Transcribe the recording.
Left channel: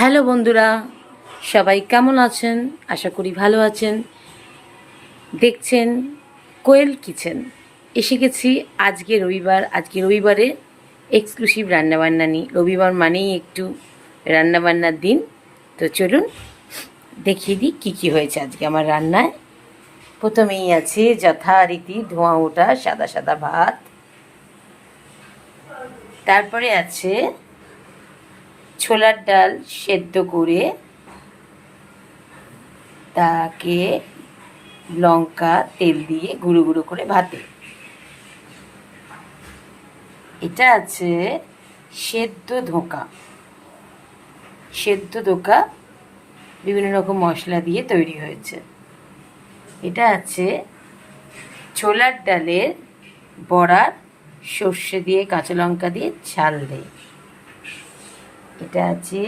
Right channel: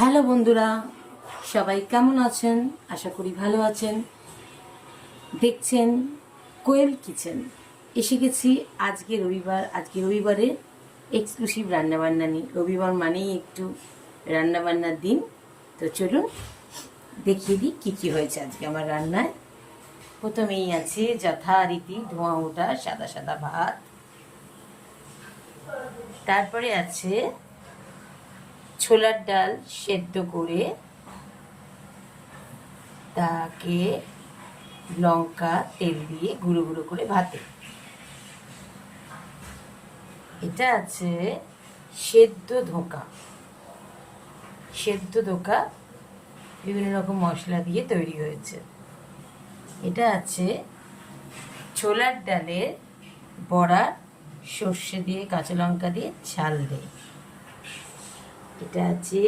Hello বন্ধুরা, সবাই কেমন আছেন? আশা করি ভালো আছেন। দেখছেন কোয়েল কিচেন। এসে গেছি আজকে রবিবারে এক্সক্লুসিভ রান্নাবান্না নিয়ে। রবিবার মানেই একটু রান্নাবান্নার দিন। তো চলুন দেখিয়ে দিই কী কী হয়েছে আজকে আমার রান্নায়। প্রথমেই আছে যথারীতি ধোঁয়া ওঠা সাদা সাদা ভাত। তারপরে আছে ছোলার ডাল সেদ্ধ করে তাকে লঙ্কা তেল দিয়ে গুঁড়ো গুঁড়ো করে ভাতে। এটা আছে সেদ্ধ ধোঁকা বিভিন্ন রকম মশলা দিয়ে তৈরি হয়েছে। এটা আছে ছোলার ডালের বড়া, সর্ষে দিয়ে কাঁচা লঙ্কা দিয়ে ঝাল দিয়ে। এটা আছে